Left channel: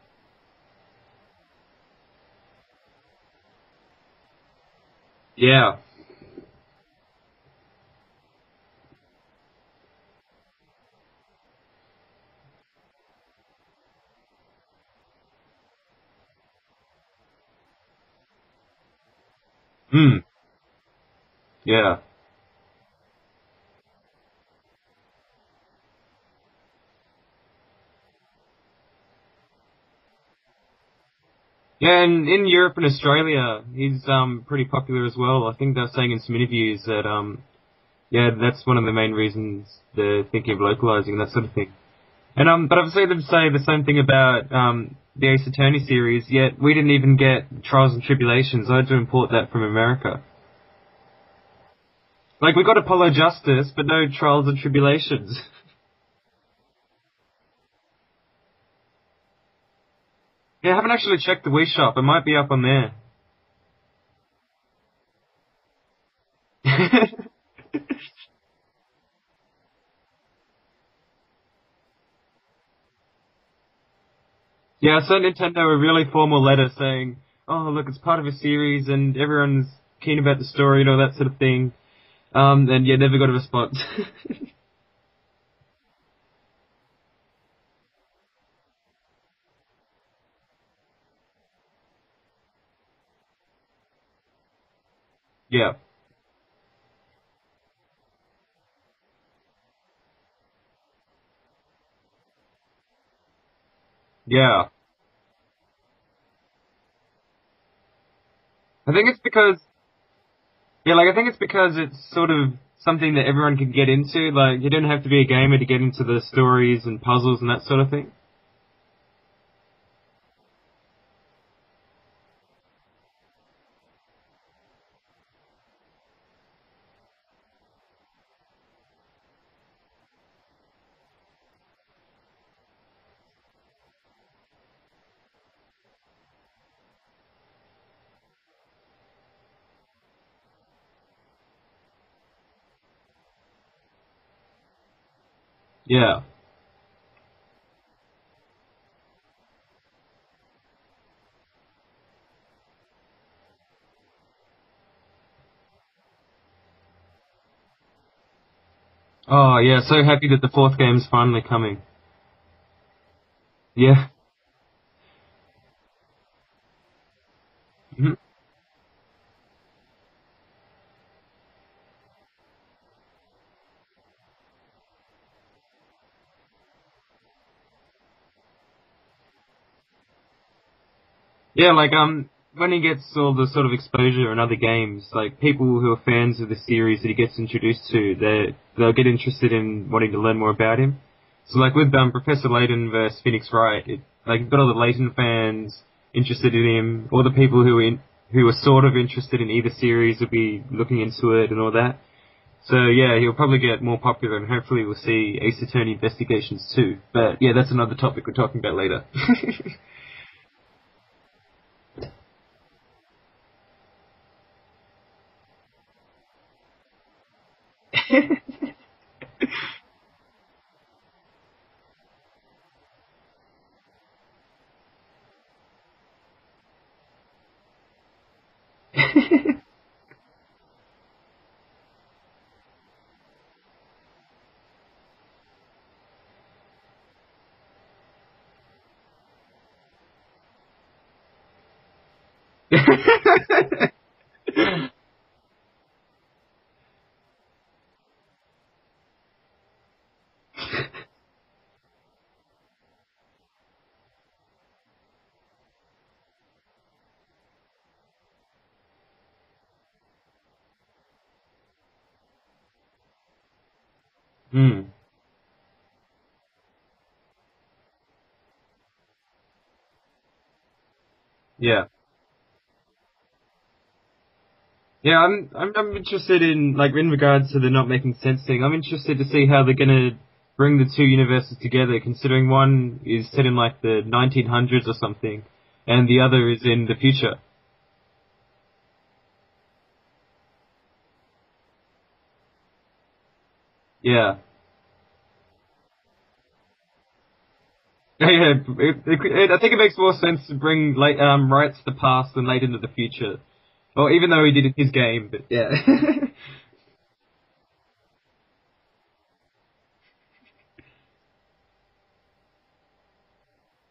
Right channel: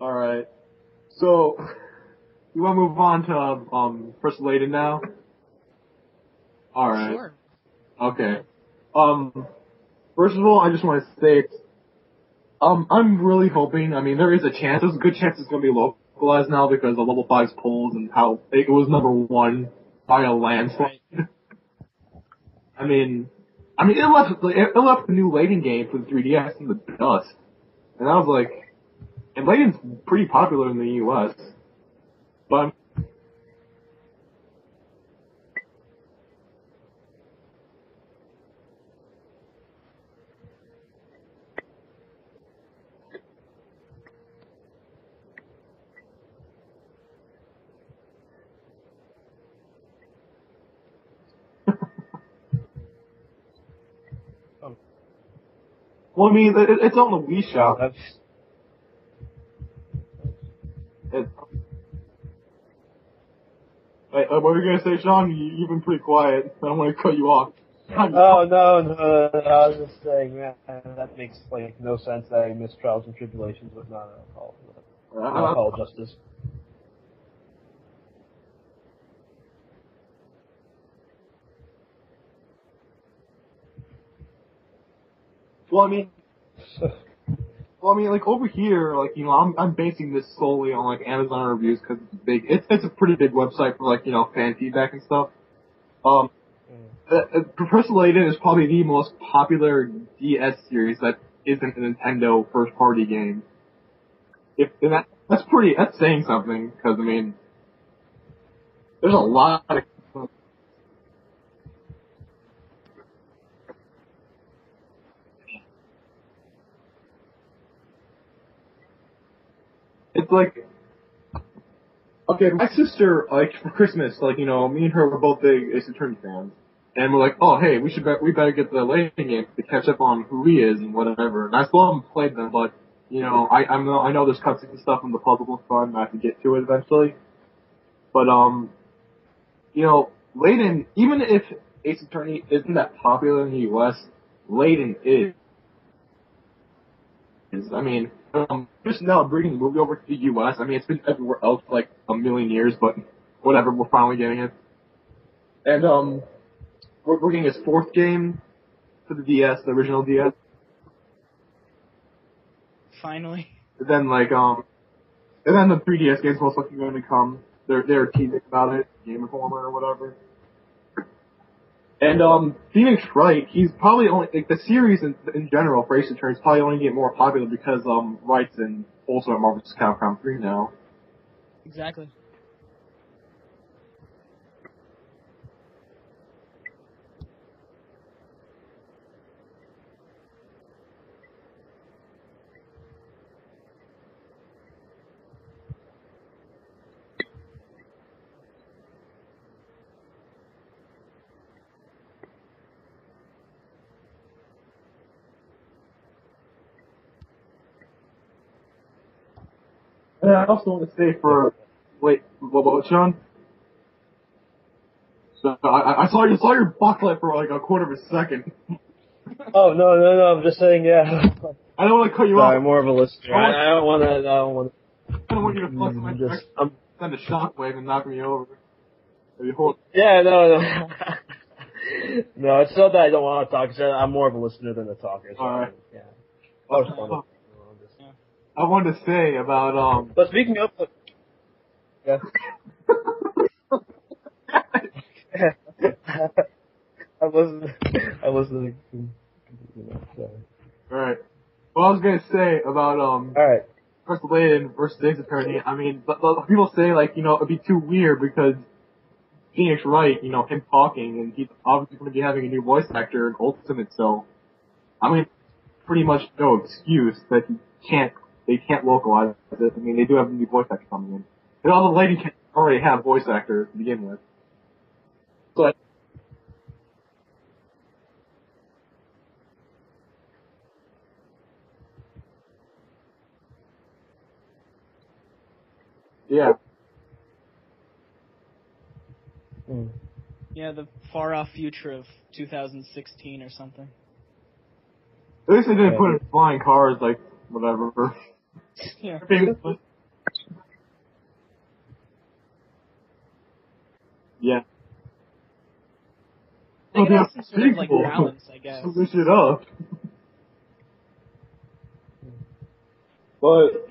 Alright. So, you want to move on to, First Layton now? Yeah. Alright. Sure. Okay. First of all, I just want to say, I'm really hoping, I mean, there is there's a good chance it's going to be localized now because of Level 5's polls and how it was number one by a landslide. Yeah. I mean, it left the new Layton game for the 3DS in the dust. And I was like, and Layton's pretty popular in the US. Yeah, and in Europe and Australia, he's pretty popular as well. I think they're saying in some interviews that yeah, that's one of the main reasons they're thinking of localizing that sort of thing. And but I've seen them say the same thing about the Ace Attorney series. Yet we didn't even get Trials and Tribulations. I had to import that from America. Like, we got Apollo Justice, but no Trials and Tribulations. Well, I mean, it's on the Wii Shop. Yeah, I haven't actually checked the Wii Shop. It might be up on there. Wait, what were you gonna say, Sean? You've been pretty quiet. I'm gonna cut you off. Oh, no, I was just saying, man, that makes, no sense that I missed Trials and Tribulations with not alcohol. Yeah, I sent Nintendo a really formal letter saying, oh, look, it's part of a series and everyone's keen about the story and all that sort of thing. And yeah, never got a response. Well, I mean, like, over here, like, you know, I'm basing this solely on, like, Amazon reviews because it's a pretty big website for, like, you know, fan feedback and stuff. Yeah. Professor Layton is probably the most popular DS series that isn't a Nintendo first-party game. Yeah. And that's saying something, because, I mean, I think it's because, yeah, like, I think it's because it's sort of something that everyone can get into. Like, you don't have to be a gamer to get into the stories and puzzles and that sort of thing. It's like, okay, my sister, like, for Christmas, like, you know, me and her were both big Ace Attorney fans. And we're like, oh, hey, we better get the Layton game to catch up on who he is and whatever. And I still haven't played them, but, you know, I know there's cutscenes and stuff in the puzzle was fun, and I have to get to it eventually. But, you know, Layton, even if Ace Attorney isn't that popular in the US, Layton is. Yeah. I mean, just now bringing the movie over to the US, I mean, it's been everywhere else for like a million years, but whatever, we're finally getting it. And, we're getting his fourth game for the DS. Oh, yeah, so happy that the fourth game's finally coming. Finally. Yeah. And, like, and then the 3DS game's most likely going to come. They're teasing about it, Game Informer or whatever. And, Phoenix Wright, he's probably only, like, the series in general for Ace Attorney is probably only getting more popular because, Wright's in also at Marvel vs. Capcom 3 now. Yeah, like, when he gets all the sort of exposure in other games, like, people who are fans of the series that he gets introduced to, they'll get interested in wanting to learn more about him. So, like, with, Professor Layton versus Phoenix Wright, you've got all the Layton fans interested in him, all the people who are sort of interested in either series will be looking into it and all that. So, yeah, he'll probably get more popular and hopefully we'll see Ace Attorney Investigations too. But, yeah, that's another topic we're talking about later. And I also want to say wait, what about Sean? So, I saw your backlight for like a quarter of a second. Oh, no, I'm just saying, yeah. I don't want to cut you off. I'm more of a listener. I don't want to. I don't want you to flex my direction. Send a shockwave and knock me over. Yeah, no. No, it's not that I don't want to talk. It's that I'm more of a listener than a talker. So alright. Yeah. That was fun. I wanted to say about, But speaking of... Yeah. I wasn't... Alright. What I was gonna say about, Alright. First Layton versus Ace Attorney, I mean, but people say, like, you know, it'd be too weird because Phoenix Wright, you know, him talking, and he's obviously going to be having a new voice actor in Ultimate, so, I mean, pretty much no excuse that they can't localize it. I mean, they do have a new voice actor coming in. Yeah. All the Layton can already have voice actors to begin with. Yeah, I'm interested in, like, in regards to the not making sense thing, I'm interested to see how they're gonna bring the two universes together, considering one is set in, like, the 1900s or something, and the other is in the future. Yeah, the far-off future of 2016 or something. Yeah. At least they didn't put in flying cars like whatever. Yeah, I think it makes more sense to bring Wright to the past than Layton to the future. Well, even though he did it in his game, but yeah. They could have some sort of like balance, I guess. Switch it up. But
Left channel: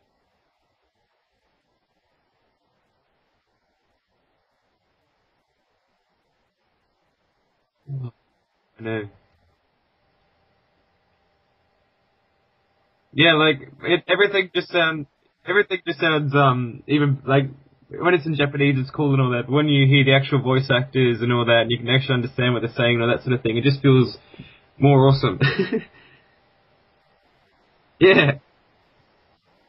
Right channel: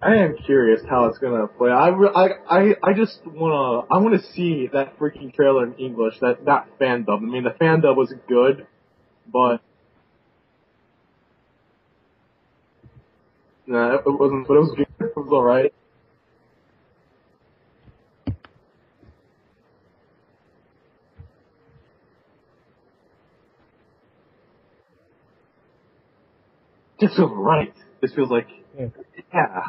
I am curious how it's gonna play. I just wanna see that freaking trailer in English. That fan dub. I mean, the fan dub was good, I know. but yeah, like everything just sounds even like when it's in Japanese, it's cool and all that. But when you hear the actual voice actors and all that, and you can actually understand what they're saying and all that sort of thing, it just feels more awesome. Just feels right. Yeah. Like, yeah.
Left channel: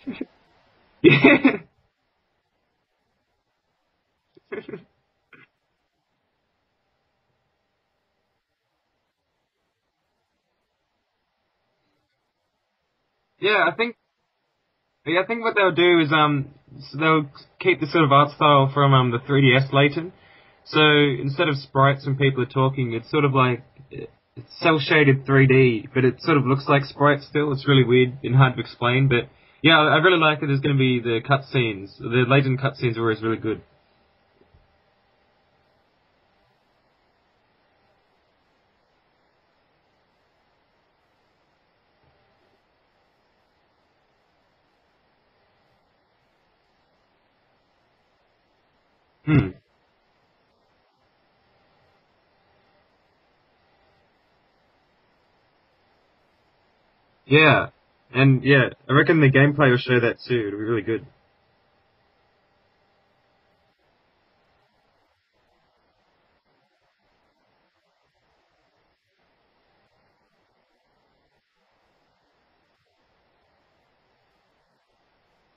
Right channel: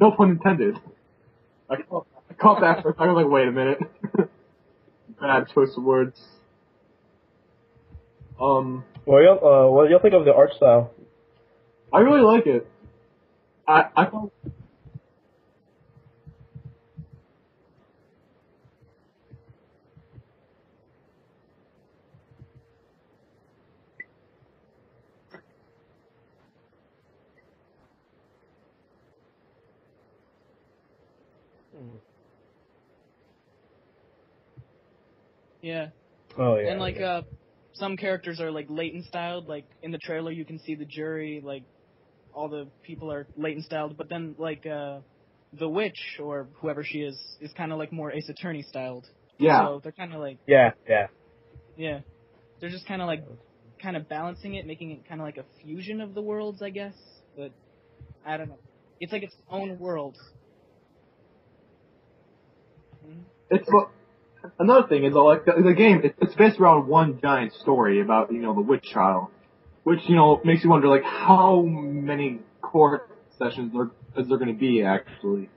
No pun intended. Yeah. I caught that for a second. I was like, wait a minute. Bad choice of words. What do you think of the art style? I really like it. Yeah, I think what they'll do is so they'll keep the sort of art style from the 3DS Layton. So instead of sprites when people are talking, it's sort of like it's cel-shaded 3D, but it sort of looks like sprites still. It's really weird and hard to explain, but yeah, I really like that there's going to be the cutscenes. The Layton cutscenes are always really good. Yeah. Oh yeah. And like some characters are like Layton styled. Like in the trailer, you can see the jury, like all the people are Layton styled, but then like the witch or whoever she is kind of like more Ace Attorney styled. Yeah. So they're kind of like Yeah. They're just kind of balancing it, making it kind of like a fusion of the worlds, I guess. Yeah, and I reckon the gameplay will show world. that too. It'll be really good. It's another thing is like the game. It's based around one giant story about the witch trial, which makes you wonder like how many court sessions is there going to be actually?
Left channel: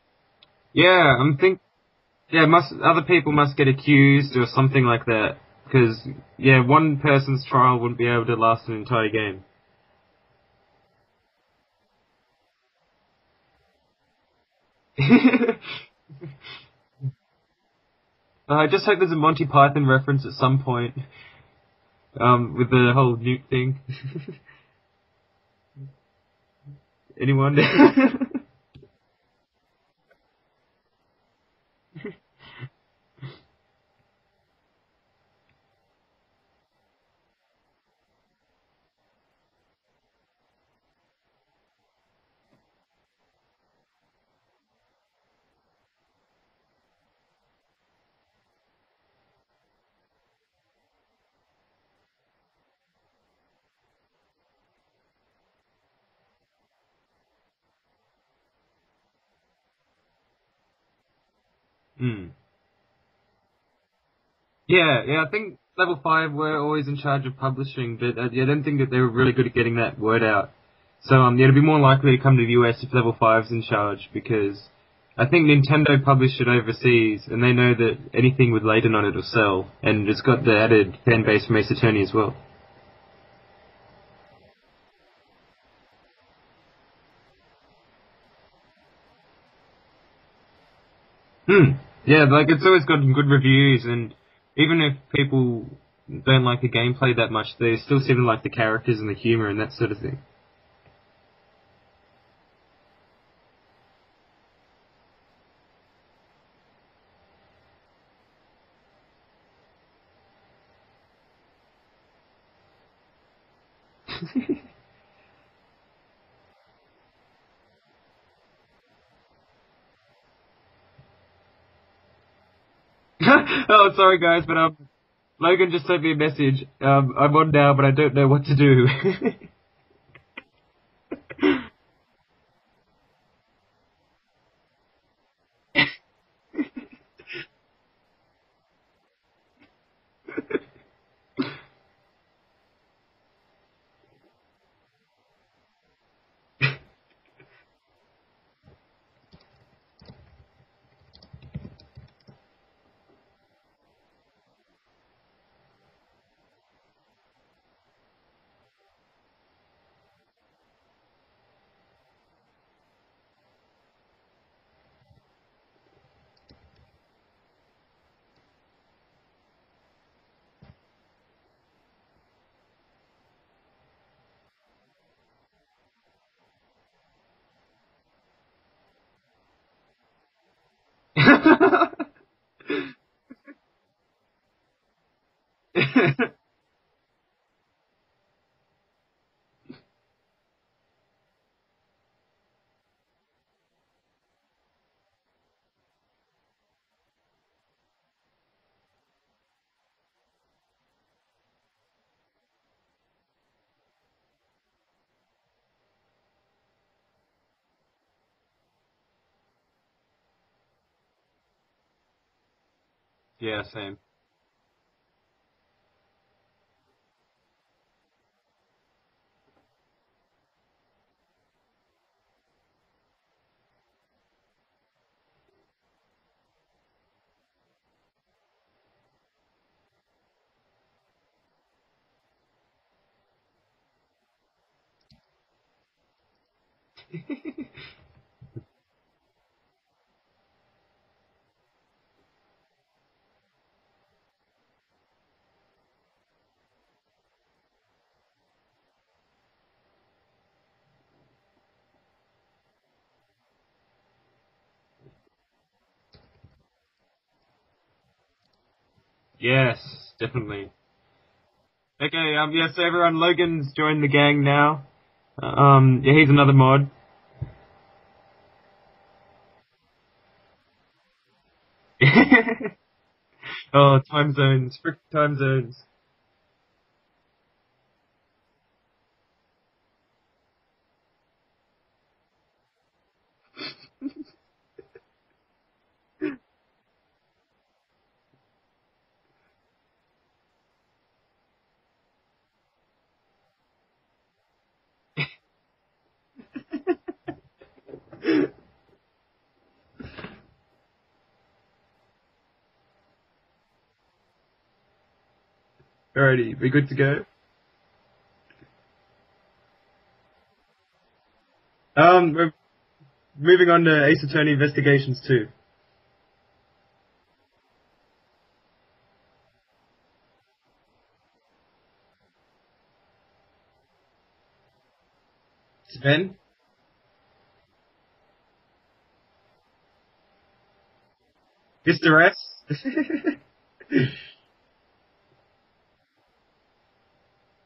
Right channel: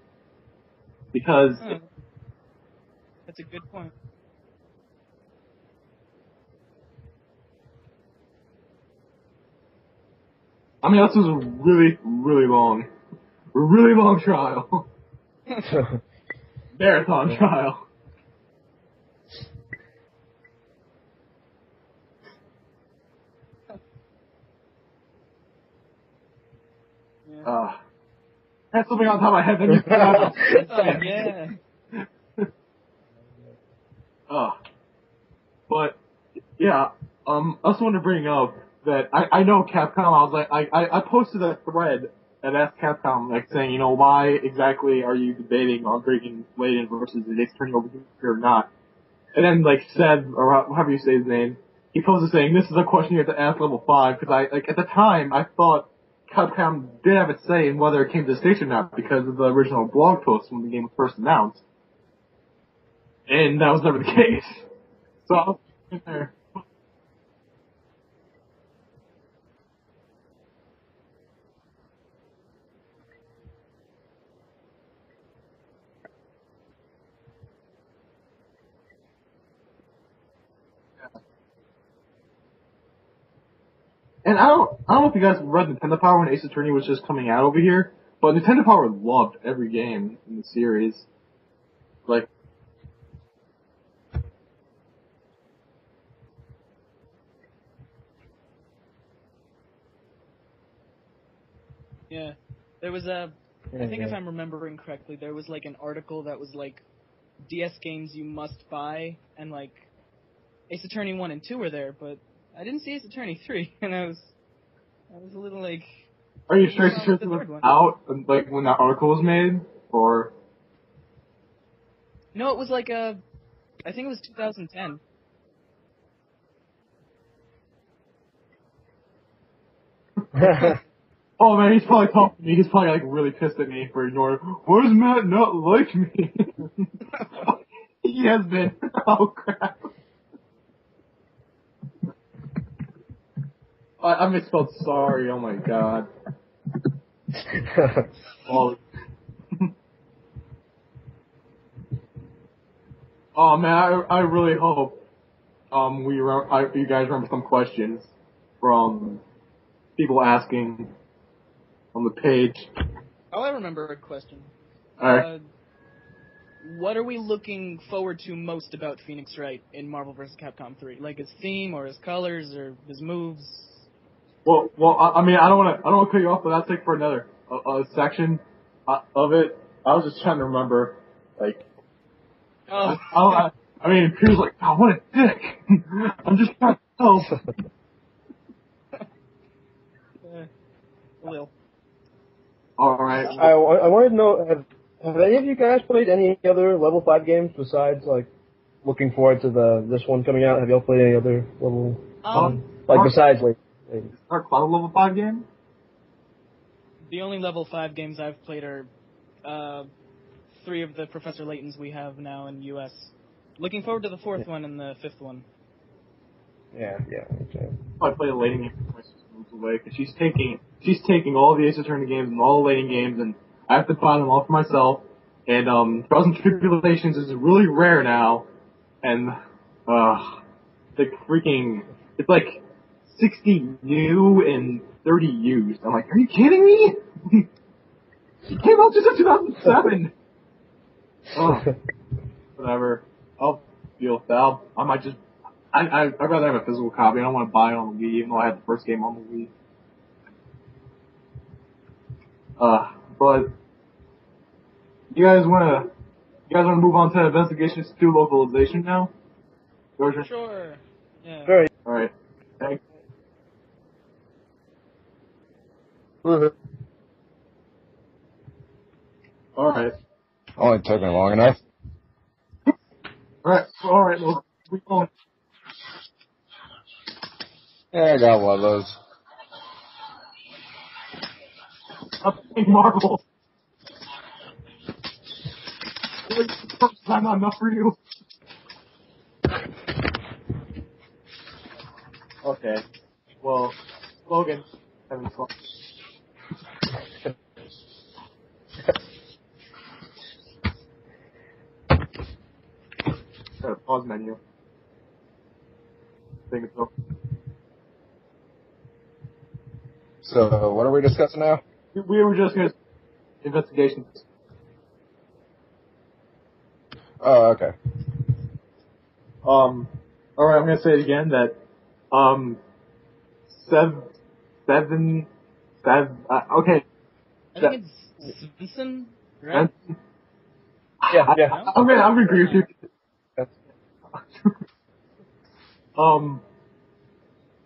Yeah, because other people must get accused or something like that. Because one person's trial wouldn't be able to last an entire game. I mean, this was a really, really long trial. Marathon trial. I just hope there's a Monty Python reference at some point. With the whole nuke thing. Anyone? That's something on top of my head. Then you But yeah, I also want to bring up that I know Capcom. I was like, I posted a thread and asked Capcom, like saying, why exactly are you debating on bringing Layton versus the Ace Attorney over here or not? And then like said, or however you say his name, he posted saying, this is a question you have to ask level 5, because at the time I thought Capcom did have a say in whether it came to the station or not because of the original blog post when the game was first announced. And that was never the case. I think level 5 were always in charge of publishing, but I don't think that they were really good at getting that word out. So it'd be more likely to come to the US if level 5's in charge, because I think Nintendo published it overseas, and they know that anything with Layton on it will sell, and it's got the added fan base from Ace Attorney as well. And I don't know if you guys read Nintendo Power when Ace Attorney was just coming out over here, but Nintendo Power loved every game in the series. Yeah, like it's always gotten good reviews, and even if people don't like the gameplay that much, they still seem to like the characters and the humor and that sort of thing. Yeah, there was I think if I'm remembering correctly, there was like an article that was like DS games you must buy, and like Ace Attorney 1 and 2 were there, but I didn't see Ace Attorney 3, and I was a little like... Are you sure it was out, like, when that article was made, or...? No, it was like a... oh, sorry guys, but Logan just sent me a message. I'm on now, but I don't know what to do. Oh man, he's probably talking to me. He's probably like really pissed at me for ignoring. Why does Matt not like me? He has been. Oh crap. I misspelled sorry. Oh my god. Oh. Oh man, I really hope you guys remember some questions from people asking on the page. Oh, I remember a question. Alright. What are we looking forward to most about Phoenix Wright in Marvel vs. Capcom 3? Like his theme, or his colors, or his moves? Well, I mean, I don't want to cut you off, but that's like for another section of it. I was just trying to remember. I mean, Peter's like, oh, what a dick. I'm just trying to help. Well. All right. I wanted to know, have any of you guys played any other level 5 games besides, like, looking forward to this one coming out? Have y'all played any other level, besides, like... Our Cloud level 5 game? The only level 5 games I've played are 3 of the Professor Laytons we have now in US. Yeah. Looking same. forward to the 4th one and the 5th one. Yeah, okay. I play a Layton game before my sister moves away, because she's taking all the Ace Attorney games and all the Layton games, and I have to buy them all for myself. And Trials and Tribulations is really rare now, and it's like 60 new and 30 used. I'm like, are you kidding me? It came out just in 2007. Oh, whatever. I'll deal with that. I might just. I'd rather have a physical copy. I don't want to buy it on the Wii, even though I had the first game on the Wii. But you guys want to move on to Investigations 2 localization now? Yes, Georgia? definitely. Sure. Yeah. Very. All right. Okay, yes, everyone, Logan's joined the gang now. He's another mod. All right. Only took me long enough. Right. Time zones. Freaking time zones. Yeah, I got one of those. I'm playing Marvel. First time not enough for you. Okay. Well, Logan, having fun. Got a pause menu. Alrighty, we good to go? So, what are we discussing now? Moving on to Ace Attorney Investigations 2. Oh, okay. Alright, I'm gonna say it again that, seven, okay. I think it's Svensson, right? Yeah. I'm Mr. agree with you.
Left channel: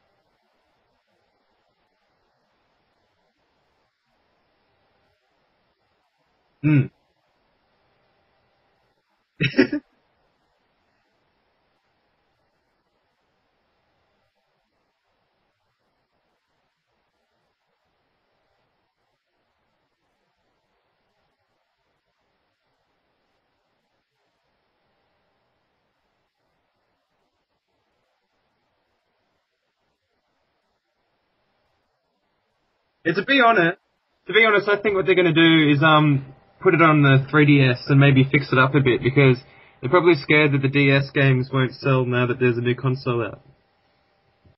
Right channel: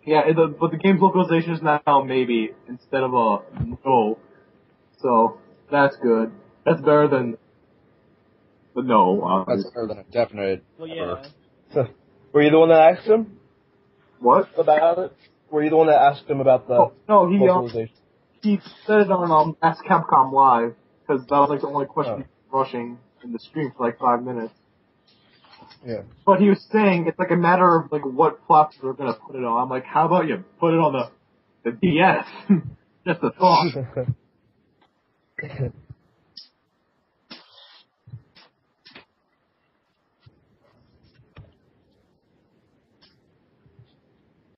Yeah, but the game's localization is now maybe instead of a no. So, that's good. That's better than the no. That's better than a definite. Well, yeah. Were you the one that asked him What? about it? Were you the one that asked him about the localization? He said it on Ask Capcom Live, because that was like the only question rushing in the stream for like 5 minutes. Yeah. But he was saying it's like a matter of like what platform they're gonna put it on. I'm like, how about you put it on the DS? Yeah, to be honest, I think what they're going to do is put it on the 3DS and maybe fix it up a bit, because they're probably scared that the DS games won't sell now that there's a new console out.